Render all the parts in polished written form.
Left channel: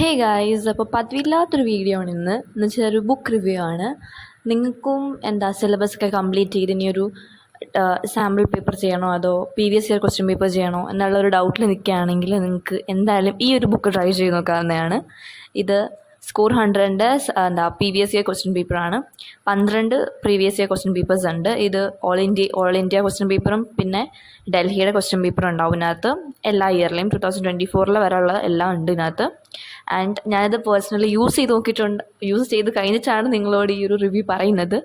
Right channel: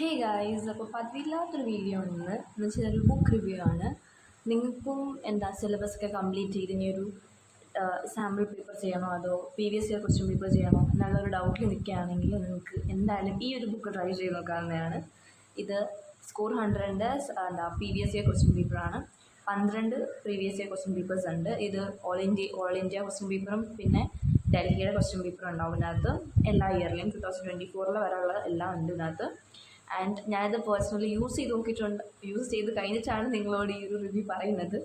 Hey guys, അപ്പോൾ പതിവില്ലാത്തൊരു video ആണ് എന്ന് വെച്ചാൽ ഒരു ബുക്ക് റിവ്യൂ ആണ്. നിങ്ങൾക്കും സിലബസ് ഒക്കെ കംപ്ലീറ്റ് ചെയ്ത് ഇനിയൊരു സാമ്പിൾ പേപ്പർ ചെയ്യണോ അതോ പ്രീവിയസ് ഇയർ ക്വസ്റ്റ്യൻ പേപ്പർ ചെയ്യണോ എന്നുള്ളൊരു ഡൗട്ടിൽ നിൽക്കുകയാണെങ്കിൽ നിങ്ങൾക്ക് എന്തായാലും ഈ ഒരു ബുക്ക് ട്രൈ ചെയ്ത് നോക്കാവുന്നതാണ്. ഇത് സ്കോർ 100ൻ്റെ പ്രീവിയസ് ഇയർ ക്വസ്റ്റ്യൻ പേപ്പറാണ്. 12 പ്രീവിയസ് ഇയർ ക്വസ്റ്റ്യൻ പേപ്പേഴ്സ് ഉണ്ട്. ഇത് ഓൾ ഇന്ത്യ ക്വസ്റ്റ്യൻ പേപ്പറും പിന്നെ ഡൽഹിയുടെ ക്വസ്റ്റ്യൻ പേപ്പറും ഉണ്ടാവും ഇതിനകത്ത്. എല്ലാ ഇയറിലെയും 2024 വരെയുള്ള എല്ലാം ഉണ്ട് ഇതിനകത്ത്. ആൻഡ് ഞാനിത് പേഴ്സണലി യൂസ് ചെയ്ത് കഴിഞ്ഞിട്ടാണ് നിങ്ങളോട് ഈ ഒരു റിവ്യൂ പറയുന്നത്.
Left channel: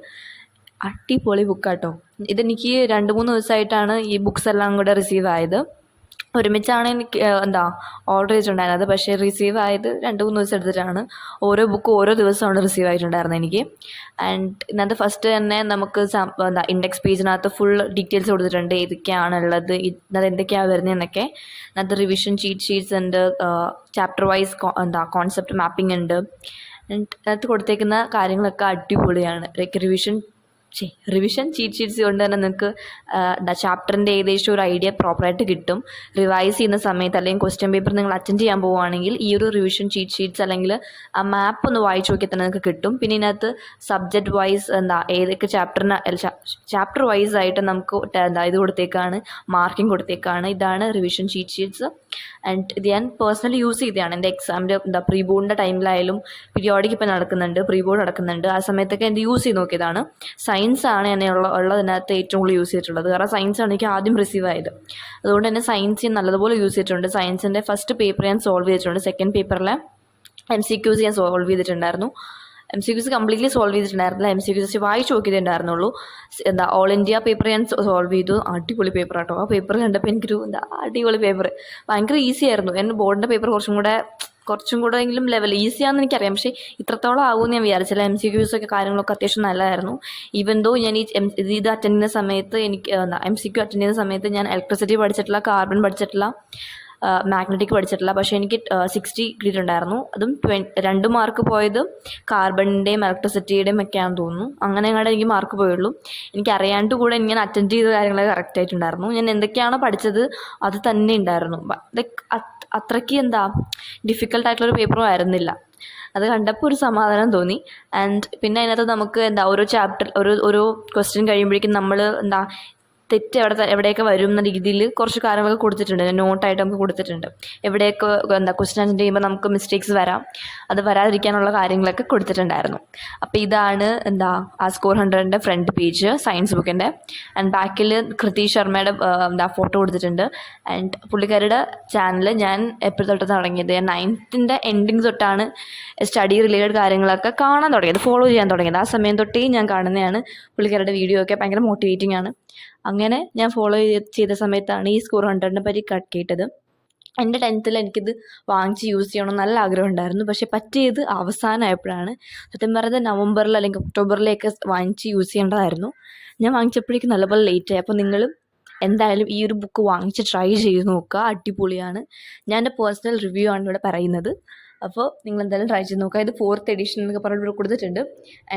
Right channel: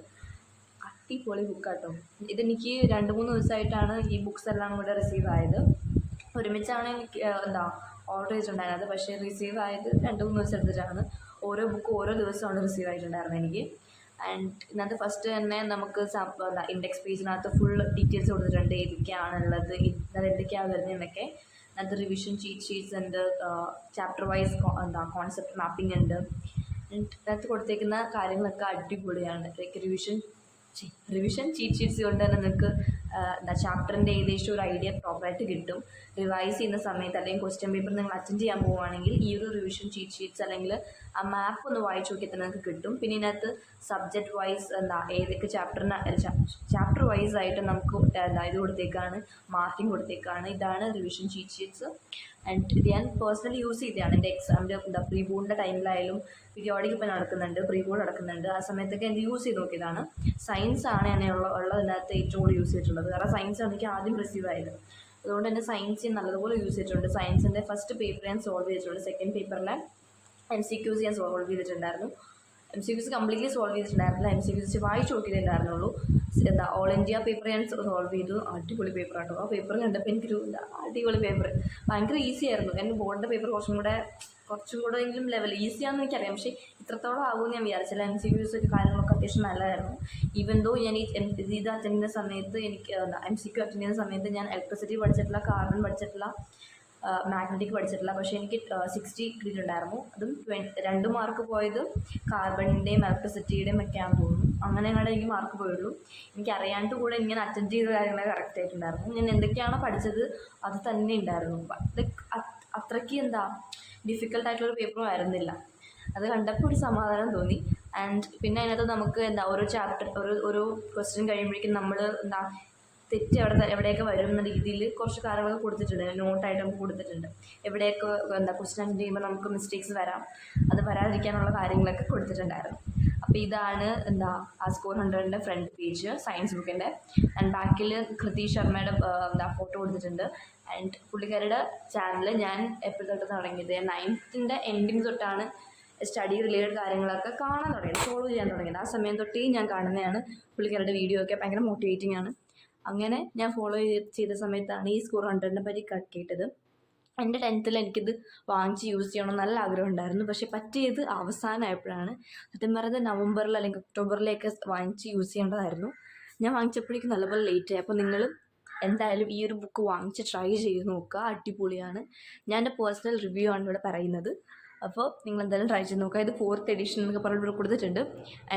അടിപൊളി ബുക്കാട്ടോ. ഇതെനിക്ക് 2-3 ദിവസമായിട്ടാണ് ഈ ബുക്സ് എല്ലാം കൂടെ റിസീവ് ആയത്. ഒരുമിച്ചാണ് എനിക്ക് ഓർഡർ ചെയ്തിട്ടുണ്ടായിരുന്നത്. പക്ഷേ റിസീവ് ആയത് 2-3 ദിവസം എടുത്തിട്ടാണ്. ഓരോ ബുക്ക് ഓരോ ദിവസമാണ് റിസീവ് ആയിട്ടുണ്ടായിരുന്നത് എനിക്ക്. ആൻഡ് ഇതിനകത്ത് ഫസ്റ്റ് തന്നെ നമുക്ക് ഇൻഡെക്സ് പേജിനകത്ത് ഫുൾ ഡീറ്റെയിൽസ് കൊടുത്തിട്ടുണ്ട്. ഏതൊക്കെയാണുള്ളത്, ഇതിനകത്ത് എന്തൊക്കെയാണ് വരുന്നതെന്നൊക്കെ. അതിനകത്ത് റിവിഷൻ ഷീറ്റ്സ് ഉണ്ട്, ചാപ്റ്റർ വൈസ് കോൺസെപ്റ്റ് മാപ്പിംഗ് ഉണ്ട്. ആൻഡ് അതിനകത്ത് കൊടുത്തേക്കുന്ന കാര്യങ്ങളൊക്കെ അടിപൊളിയാണ്. റിവിഷൻ ചീറ്റ് ഷീറ്റ്സ് കൊണ്ട് തന്നെ നിങ്ങൾക്ക് ചാപ്റ്ററിൻ്റെ ഏകദേശം ഒരു ഐഡിയ പ്രോപ്പറായിട്ട് കിട്ടും. റിവൈസ് ചെയ്യുന്ന സമയത്ത് അല്ലെങ്കിൽ ക്വസ്റ്റ്യൻ പേപ്പർ നിങ്ങൾ അറ്റൻഡ് ചെയ്യാൻ പോവുകയാണെങ്കിൽ ഈ ഒരു റിവിഷൻ ചീറ്റ് ഷീറ്റ്സ് അല്ലെങ്കിൽ ആ മാപ്പ് ഒന്ന് വായിച്ച് നോക്കിയാൽ തന്നെ നിങ്ങൾക്ക് കിട്ടും. പിന്നെ ഇതിനകത്ത് സബ്ജക്റ്റ് വൈസ് ഏതൊക്കെ ചാപ്റ്റർ വൈസ് ആയിട്ട് നമുക്ക് ഇത് കൊടുത്തേക്കാണ്, മാർക്കിംഗ് കൊടുത്തേക്കാണ്. ഇതാണ് റിവിഷൻ ചീറ്റ് ഷീറ്റ്സ്. ആൻഡ് ഇത് ഞാൻ പേഴ്സണലി യൂസ് ചെയ്തതാണ്. എൻ്റെ എക്സാമിൻ്റെ പ്രീ ബോർഡിൻ്റെ ടൈമിലായാലും പീരിയോഡിക് ഇപ്പോൾ നടക്കുന്നുണ്ട്, പ്രീ ബോർഡ് നടക്കുന്നുണ്ട്. ആ സമയത്തൊക്കെ എൻ്റെ യൂസ് ചെയ്ത് നോക്കിയതാണ്. സയൻസാണ് എന്നെ ഉള്ളതിനകത്ത് ഏറ്റവും കൂടുതൽ യൂസ് ചെയ്തിട്ടുള്ളത്. കാരണം സയൻസാണ് എനിക്ക് ആദ്യം റിസീവ് ആയത്. അതുകൊണ്ട് തന്നെ സയൻസ് ഞാൻ നല്ലതുപോലെ യൂസ് ചെയ്തിട്ടുണ്ട്. സയൻസിൻ്റെ ഫസ്റ്റ് പേപ്പർ ഞാൻ സോൾവ് ചെയ്തിട്ടുണ്ട്. സെക്കൻഡ് പേപ്പറിലെ MCQs ഞാൻ സോൾവ് ചെയ്തിട്ടുണ്ടായിരുന്നു. MCQs കംപ്ലീറ്റ്ലി സോൾവ് ചെയ്തിട്ടുണ്ടായിരുന്നില്ല. MCQs വായിച്ച് നോക്കിയിട്ടുണ്ടായിരുന്നുള്ളൂ. ഓൾ ഇന്ത്യ പേപ്പർ ഞാൻ സോൾവ് ചെയ്തു. അടിപൊളി പേപ്പർ കേട്ടോ. ആ പേപ്പർ കണ്ടപ്പോൾ എനിക്കൊരു അടിപൊളി പേപ്പർ, ഭയങ്കര ഈസി ആയിരുന്നു. എൻ്റെ ബോർഡിൻ്റെ പേപ്പർ കുറച്ചും കൂടെ എങ്കിലും ലെവൽ ഈസിയാണെന്ന് എനിക്കറിയാം. പക്ഷേ ഇത്രത്തോളം ആകുമെന്ന് ഞാൻ വിചാരിച്ചില്ല. MCQs ഒക്കെ കാര്യങ്ങളൊക്കെ അത്യാവശ്യം നല്ലതായിരുന്നു. ഈവൻ ദോ ഞാൻ ഇത് അറ്റൻഡ് ചെയ്യുന്ന സമയത്ത് MCQ അറ്റൻഡ് ചെയ്യുന്ന സമയത്ത് ഞാൻ ഇലക്ട്രിസിറ്റി പഠിച്ചിട്ടില്ല, കാർബൺ പഠിച്ചിട്ടില്ല, മാഗ്നറ്റിക് പഠിച്ചിട്ടില്ല. പക്ഷേ എനിക്ക് 60 കിട്ടിയിട്ടുണ്ടായിരുന്നു. അതും 2 മാർക്ക് പോയത് കാർബണിൻ്റെയും ഇലക്ട്രിസിറ്റിയുടെയും ഒക്കെയാണെന്ന് തോന്നുന്നു. അങ്ങനെ അങ്ങോട്ട് എനിക്ക് മാർക്ക് പോയുള്ളൂ. എനിക്ക് അറിയാണ്ട് കൂടെ ഞാൻ അറ്റൻഡ് ചെയ്ത കാര്യങ്ങളൊക്കെ കറക്റ്റ് ആയിട്ടുണ്ടായിരുന്നു. ഞാൻ എന്തൊക്കെയാണോ പഠിച്ചത് അത് തന്നെ ഉണ്ടായിരുന്നു. ലൈക്ക് അത്രയ്ക്ക് ഡിഫിക്കൽട്ടായിട്ടുള്ളൊരു പേപ്പറും ആയിരുന്നില്ല. അത് കണ്ടപ്പോൾ ഒരു സമാധാനം തോന്നി. ആൻഡ് പിന്നെ അതിനകത്ത് നമുക്ക് ഓരോ ചാപ്റ്റർ ഓരോ ക്വസ്റ്റ്യൻ കഴിയുമ്പോഴേക്കും നമ്മൾ തെറ്റ് എവിടെയൊക്കെ വരും എന്ന രീതിയിൽ കുറച്ച് കാര്യങ്ങളൊക്കെ കൊടുത്തിട്ടുണ്ട്. നോട്ടായിട്ട് നമുക്ക് കൊടുത്തിട്ടുണ്ട്. എവിടെയൊക്കെ ക്വസ്റ്റ്യൻ അറ്റൻഡ് ചെയ്യുമ്പോൾ നമുക്ക് മിസ്റ്റേക്സ് വരാം, അത് വരാതിരിക്കാനുള്ള കാര്യങ്ങളൊക്കെ കൊടുത്തിട്ടുണ്ടായിരുന്നു. അപ്പോൾ ഇതാണ് ആ സ്കോർ 100ൻ്റെ ഫ്രണ്ട് പേജ് സയൻസ് ബുക്കിൻ്റെ. ആൻഡ് ബാക്കിൽ കൃതി ശർമ്മയുടെ ഫോട്ടോ കൊടുത്തിട്ടുണ്ട്. ആൻഡ് പുള്ളിക്കാരുടെ ചാനൽ ഞാൻ എപ്പോഴും തൊട്ട് തുടങ്ങിയത്, ഞാൻ 9th എൻഡിങ് തൊട്ടാണ് സ്റ്റഡി റിലേറ്റഡ് കാര്യങ്ങളൊക്കെ കാണാൻ തുടങ്ങിയത്, ഫോളോ ചെയ്യാൻ തുടങ്ങിയത്. ആ സമയം തൊട്ടേ ഞാൻ കാണുന്നതാണ്. പുള്ളിക്കാരുടെ വീഡിയോ ഒക്കെ ഭയങ്കര മോട്ടിവേറ്റിംഗ് ആണ്. അങ്ങനെ ഞാൻ ഫോളോ ചെയ്ത സമയത്താണ് ഈ സ്കോർ 100നെ പറ്റി കേട്ടത്. എൻ്റെ 10th എനിക്കിത് വാങ്ങിച്ച് യൂസ് ചെയ്യണമെന്ന് നല്ല ആഗ്രഹം ഉണ്ടായിരുന്നു. പക്ഷേ പറ്റിയത് അവസാനമായപ്പോഴാണ്. സത്യം പറഞ്ഞത് നവംബറിൽ അല്ലെങ്കിൽ ഒക്ടോബറിലേക്ക് വാങ്ങിച്ച് യൂസ് ചെയ്യേണ്ടതായിരുന്നു. ഞാൻ വാങ്ങിച്ചപ്പോഴേക്കും നല്ലപോലെ ലേറ്റായി. അപ്പോൾ നിങ്ങൾ എന്തായാലും ഈ ഒരു ബുക്ക് വാങ്ങിച്ച് ട്രൈ ചെയ്ത് നോക്കുക. അടിപൊളിയാണ്. ഞാൻ എൻ്റെ പേഴ്സണൽ റിവ്യൂ ആണ് ഇവിടെ പറയുന്നത്. അപ്പോൾ നിങ്ങൾ എന്തായാലും ട്രൈ ചെയ്ത് നോക്കുക. ഇത് 4th എഡിഷൻ എന്നൊക്കെ പറഞ്ഞിട്ട് ഇവിടെ കൊടുത്തിട്ടുണ്ട്.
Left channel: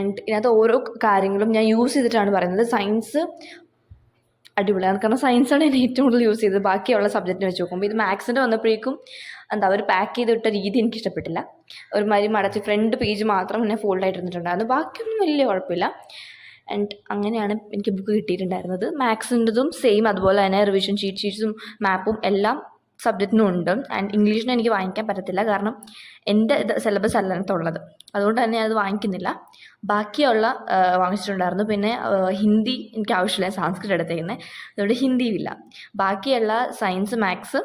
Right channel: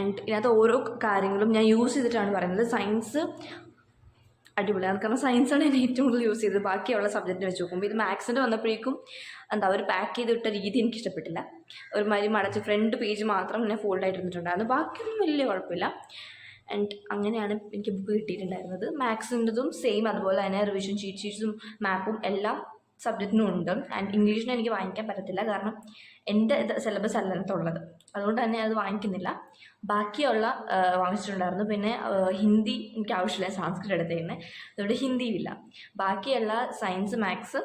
ആൻഡ് ഇതിനകത്ത് ഓരോ കാര്യങ്ങളും ഞാൻ യൂസ് ചെയ്തിട്ടാണ് പറയുന്നത്. സയൻസ് അടിപൊളിയാണ്. കാരണം സയൻസാണ് ഞാൻ ഏറ്റവും കൂടുതൽ യൂസ് ചെയ്തത് ബാക്കിയുള്ള സബ്ജക്റ്റിനെ വെച്ച് നോക്കുമ്പോൾ. ഇത് മാത്സിൻ്റെ വന്നപ്പോഴേക്കും അവർ പാക്ക് ചെയ്തിട്ട രീതി എനിക്ക് ഇഷ്ടപ്പെട്ടില്ല. ഒരുമാതിരി മടച്ച് ഫ്രണ്ട് പേജ് മാത്രം പിന്നെ ഫോൾഡ് ആയിട്ടിരുന്നിട്ടുണ്ടായിരുന്നു. ബാക്കിയൊന്നും വലിയ കുഴപ്പമില്ല. ആൻഡ് അങ്ങനെയാണ് എനിക്ക് ബുക്ക് കിട്ടിയിട്ടുണ്ടായിരുന്നത്. മാത്സിൻ്റെതും സെയിം അതുപോലെ തന്നെ റിവിഷൻ ഷീറ്റ്സും മാപ്പും എല്ലാം സബ്ജക്റ്റിനും ഉണ്ട്. ആൻഡ് ഇംഗ്ലീഷിന് എനിക്ക് വാങ്ങിക്കാൻ പറ്റത്തില്ല, കാരണം എൻ്റെ സിലബസ് അല്ല അതിനകത്തുള്ളത്. അതുകൊണ്ട് തന്നെ അത് വാങ്ങിക്കുന്നില്ല. ബാക്കിയുള്ള വാങ്ങിച്ചിട്ടുണ്ടായിരുന്നു. പിന്നെ ഹിന്ദി എനിക്ക് ആവശ്യമില്ല, സംസ്കൃതം എടുത്തേക്കുന്നത്, അതുകൊണ്ട് ഹിന്ദിയുമില്ല. ബാക്കിയുള്ള സയൻസ്, മാത്സ്,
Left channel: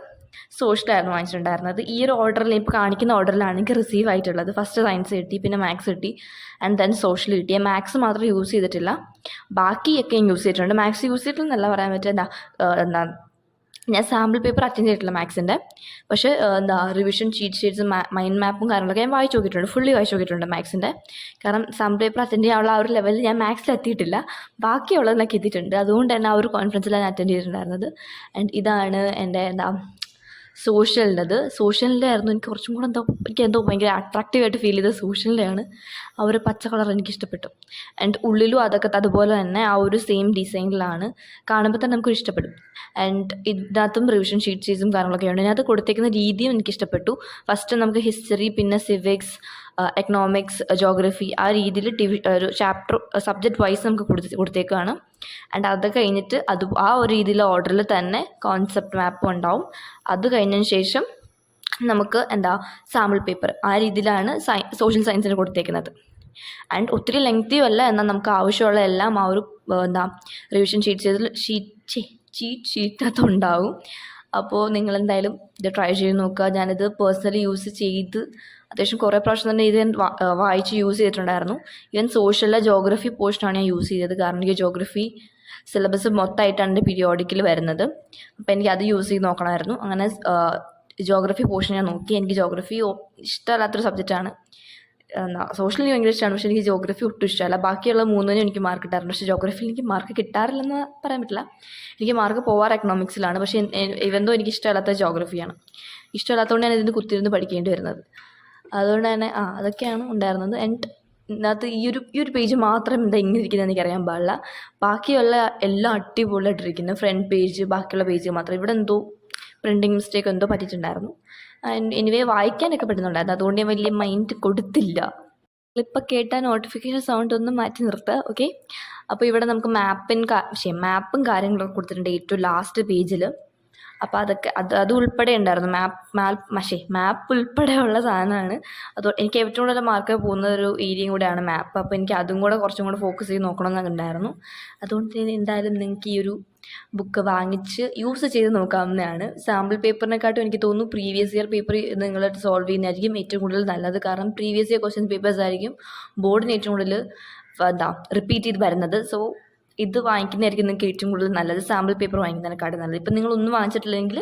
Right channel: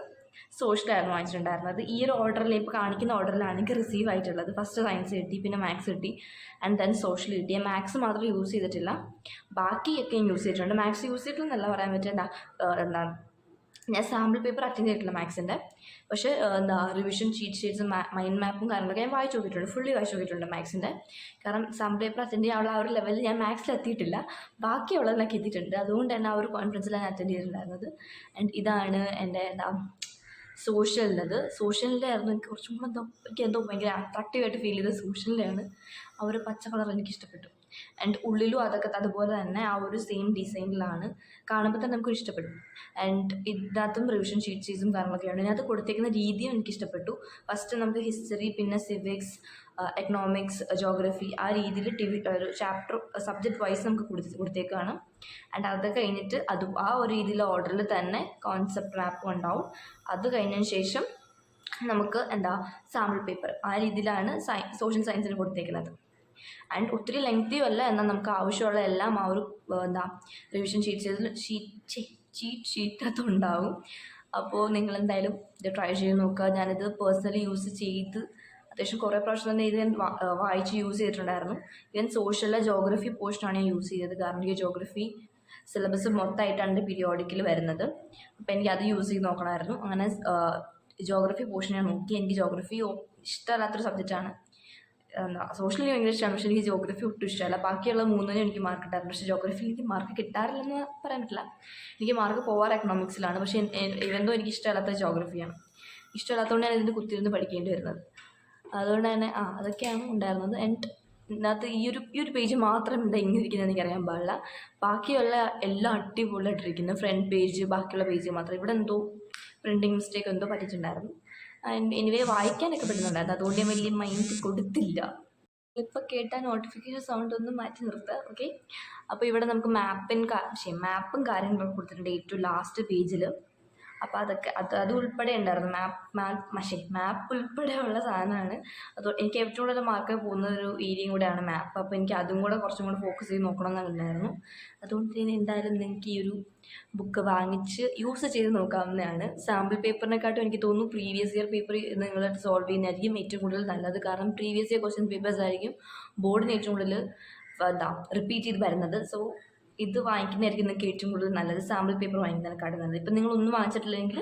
സോഷ്യലായിരുന്നു വാങ്ങിച്ചിട്ടുണ്ടായിരുന്നത്. ഈ ഒരു ഓർഡറിൽ ഇപ്പോൾ കാണിക്കുന്ന ഓർഡറിലാണ് എനിക്ക് റിസീവ് ആയിട്ടുള്ളത്. ഫസ്റ്റ് സയൻസ് കിട്ടി, പിന്നെ മാത്സ് കിട്ടി, ആൻഡ് ദെൻ സോഷ്യൽ കിട്ടി. മാത്സ് മാത്രം യൂസ് ചെയ്തിട്ടില്ല, ബാക്കിയൊക്കെ യൂസ് ചെയ്തിട്ടുണ്ട്. മാത്സ് യൂസ് ചെയ്തിട്ടില്ലെന്നല്ല പറയാൻ പറ്റുക. ഞാൻ സാമ്പിൾ പേപ്പർ അറ്റൻഡ് ചെയ്തിട്ടില്ല മാത്സിൻ്റെ. പക്ഷേ റിവിഷൻ ഷീറ്റ്സും മൈൻഡ് മാപ്പും കാര്യങ്ങളൊക്കെ ഞാൻ വായിച്ച് നോക്കിയിട്ടുണ്ട്, ഫുള്ളി വായിച്ച് നോക്കിയിട്ടുണ്ട് മാത്സിൻ്റെ. കാരണം സാമ്പിൾ പേപ്പർ അറ്റൻഡ് ചെയ്യാനുള്ള ആ ഒരു ലെവലിൽ ഞാൻ മാത്സിൽ എത്തിയിട്ടില്ല, ബാക്കിയുള്ളതിനൊക്കെ എത്തിയിട്ടുണ്ട്. അതുകൊണ്ട് തന്നെ ആ ഒരു കോൺഫറൻസിലാണ് ഞാൻ അറ്റൻഡ് ചെയ്തിട്ടുണ്ടായിരുന്നത്. ആൻഡ് ഇതാണ് എൻ്റെ സോഷ്യലിൻ്റെ ആയിരുന്നു എനിക്ക് കുറച്ചും കൂടെ എനിക്ക് ഭയങ്കര അട്രാക്റ്റീവായിട്ട് ഫീൽ ചെയ്തത് സോഷ്യലിൻ്റെ ആണ്. ആ ഒരു പച്ച കളർ എനിക്കിഷ്ടപ്പെട്ടു. ആൻഡ് ഉള്ളിലും അതൊക്കെ അതുപോലെ തന്നെ ആ ഒരു സെയിം ഡിസൈനിലാണ്. കാണുമ്പോൾ തന്നെ നമുക്കൊരു ഇഷ്ടപ്പെടും. ആൻഡ് ഇതിനകത്തും റിവിഷൻ ഷീറ്റ്സും കാര്യങ്ങളൊക്കെ ഉണ്ട്. ഇതിനകത്ത് കൊടുത്തേക്കുന്ന രീതിയും എനിക്കിഷ്ടപ്പെട്ടു. ഫസ്റ്റ് നമുക്ക് ഹിസ്റ്ററി, പിന്നെ സിവിക്സ്, എക്കണോമിക്സ്, ജോഗ്രഫി ആ രീതിയിൽ ഒരു ചാപ്റ്റർ സബ്ജക്റ്റ് വൈസ് നമുക്ക് കൊടുത്തേക്കാണ്. ആൻഡ് അത് കഴിഞ്ഞിട്ട് ആ ഒരു രീതിയിലെ ഓർഡറിൽ തന്നെ കോൺസെപ്റ്റ് മാപ്പും ഉണ്ടാവും. അത് കഴിഞ്ഞതിന് ശേഷം നമുക്ക് സാമ്പിൾ പേപ്പർ ആ രീതിയിലാണ് സോഷ്യൽ സയൻസിന് കൊടുത്തേക്കുന്നത്. ആൻഡ് ഒത്തിരി ലെങ്തിയും അല്ല, എന്നാൽ നമുക്ക് ആവശ്യമുള്ള എല്ലാം ആ ഒരു റിവിഷൻ ഷീറ്റിനകത്ത് ഉണ്ടാവും. അപ്പോൾ നിങ്ങളെന്തായാലും ഇത് ട്രൈ ചെയ്ത് നോക്കുക. ഞാനിത് പേഴ്സണലി യൂസ് ചെയ്ത് അത്യാവശ്യം കുറേ പ്രാവശ്യം തന്നെ ഇത് ഞാൻ വായിച്ച് യൂസ് ചെയ്തിട്ടുണ്ടായിരുന്നു. ഈവൻ സോഷ്യലിലെ ജോഗ്രഫി പോർഷനാണ് ഞാൻ യൂസ് ചെയ്തത്. കാരണം എനിക്ക് ജോഗ്രഫി സിലബസ് മൊത്തമായിട്ടാണ് എൻ്റെ പീരിയോഡിക്കിൽ വരുന്നത്. അപ്പോൾ എനിക്ക് അത് യൂസ് ചെയ്ത് നോക്കണമായിരുന്നു. അങ്ങനെ ജോഗ്രഫി പോർഷൻ ഞാൻ നോക്കി. എനിക്ക് ജോഗ്രഫി ഇഷ്ടമല്ലാത്തൊരു സബ്ജക്റ്റാണ്. സോഷ്യൽ എനിക്ക് ഭയങ്കര ഇഷ്ടമാണ്, പക്ഷേ എനിക്ക് ജോഗ്രഫി ഒട്ടും ഇഷ്ടമല്ല. ബാക്കിയുള്ള മൂന്നിനും എനിക്ക് മാർക്ക് കിട്ടാറുണ്ട്, പക്ഷേ ജോഗ്രഫിയിൽ എനിക്ക് മാർക്ക് കിട്ടാറില്ലെന്ന് പറയാൻ പറ്റില്ല. എനിക്ക് മാർക്ക് പോവാറ് എക്കണോമിക്സിലാണ്. പക്ഷേ ഇവന്തോ എനിക്ക് ഇഷ്ടമല്ലാത്ത ജോഗ്രഫിയാണ്. ഇഷ്ടമല്ലാത്തതുകൊണ്ട് ഞാൻ ഇതിന് കുത്തിയിരുന്ന് പഠിക്കേണ്ടി വരുന്നത്. അതുകൊണ്ട് തന്നെ അതൊക്കെയാണ് ഉണ്ടായിരുന്നത്. ആൻഡ് ഇതിനകത്ത് ഈ ഒരു പേജ് മാത്രം ഇങ്ങനെ ഇരിക്കുന്നത് എനിക്കറിയാൻ പാടില്ല. ബാക്കിയുള്ള എല്ലാം അടിപൊളിയായിട്ടിരിക്കുന്നു. ഫ്രണ്ട് പേജ്, ബാക്കിയുള്ള പേജ് മാത്രം ഇവിടെ എന്തോ പ്രിൻറ്റിങ് മിസ്റ്റേക്ക് എന്തോ പറ്റിയിട്ടുണ്ടായിരുന്നു. ആൻഡ് എനിവേ വായിക്കാനൊക്കെ പറ്റുന്നുണ്ടായിരുന്നു. അതുകൊണ്ട് ഞാൻ വലിയ മൈൻഡ് കൊടുത്തില്ല. ഇപ്പോൾ കേട്ടാൽ നോട്ടിഫിക്കേഷൻ സൗണ്ട് ഒന്ന് മാറ്റി നിർത്തുക. ഓക്കെ, അപ്പോൾ ഇവിടെ നമുക്ക് മാപ്പും കാര്യങ്ങളൊക്കെ കൊടുത്തിട്ടുണ്ട് ഏറ്റവും ലാസ്റ്റ് പേജിൽ. അപ്പോൾ അതൊക്കെ അത് ഉൾപ്പെടെ ഉണ്ടായിരുന്നു. മാപ്പ് ഉൾപ്പെടെയുള്ള സാധനമാണ്. എനിക്ക് ഏറ്റവും കൂടുതൽ മാർക്ക് പോകുന്ന ഒരു ഏരിയയും കൂടെയാണ് മാപ്പ്. അപ്പോൾ എനിക്ക് അതും കൂടെ കുറച്ചും കൂടെ ഫോക്കസ് ചെയ്ത് നോക്കണമെന്നൊക്കെ ഉണ്ടായിരുന്നു. അതുകൊണ്ട് തന്നെ എന്തായാലും നിങ്ങൾക്ക് ഈ ഒരു ബുക്ക് വാങ്ങിച്ച് യൂസ് ചെയ്ത് നോക്കാവുന്നതാണ്. സാമ്പിൾ പേപ്പറിനെക്കാട്ടും എനിക്ക് തോന്നുന്നു പ്രീവിയസ് ഇയർ പേപ്പർ നിങ്ങൾ സോൾവ് ചെയ്യുന്നതായിരിക്കും ഏറ്റവും കൂടുതൽ നല്ലത്. കാരണം പ്രീവിയസ് ഇയർ ക്വസ്റ്റ്യൻ പേപ്പേഴ്സ് ആയിരിക്കും ബോർഡിന് ഏറ്റവും കൂടുതൽ റിപ്പീറ്റ് ചെയ്ത് വരുന്നത്. സോ ഇത് വാങ്ങിക്കുന്നതായിരിക്കും നിങ്ങൾക്ക് ഏറ്റവും കൂടുതൽ നല്ലത്. സാമ്പിൾ പേപ്പർ വാങ്ങിക്കുന്നതിനെക്കാട്ടും നല്ലത്. ഇപ്പം നിങ്ങളൊന്നും വാങ്ങിച്ചിട്ടില്ലെങ്കിൽ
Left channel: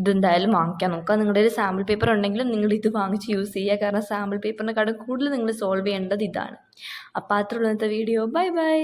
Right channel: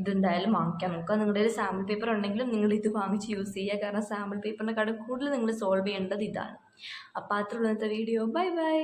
ഇതെന്തായാലും വാങ്ങിക്കാൻ നോക്കുക. നിങ്ങളുടെ ഒരു സാമ്പിൾ പേപ്പർ ഉണ്ടെങ്കിലും നിങ്ങൾ ഇത് വാങ്ങിച്ച് യൂസ് ചെയ്യുക. കാരണം സാമ്പിൾ പേപ്പറിനെക്കാട്ടും കൂടുതൽ നിങ്ങൾ സോൾവ് ചെയ്യേണ്ടത് ഇതാണ്. അപ്പോൾ അത്രയുള്ള ഇന്നത്തെ വീഡിയോ. Bye bye.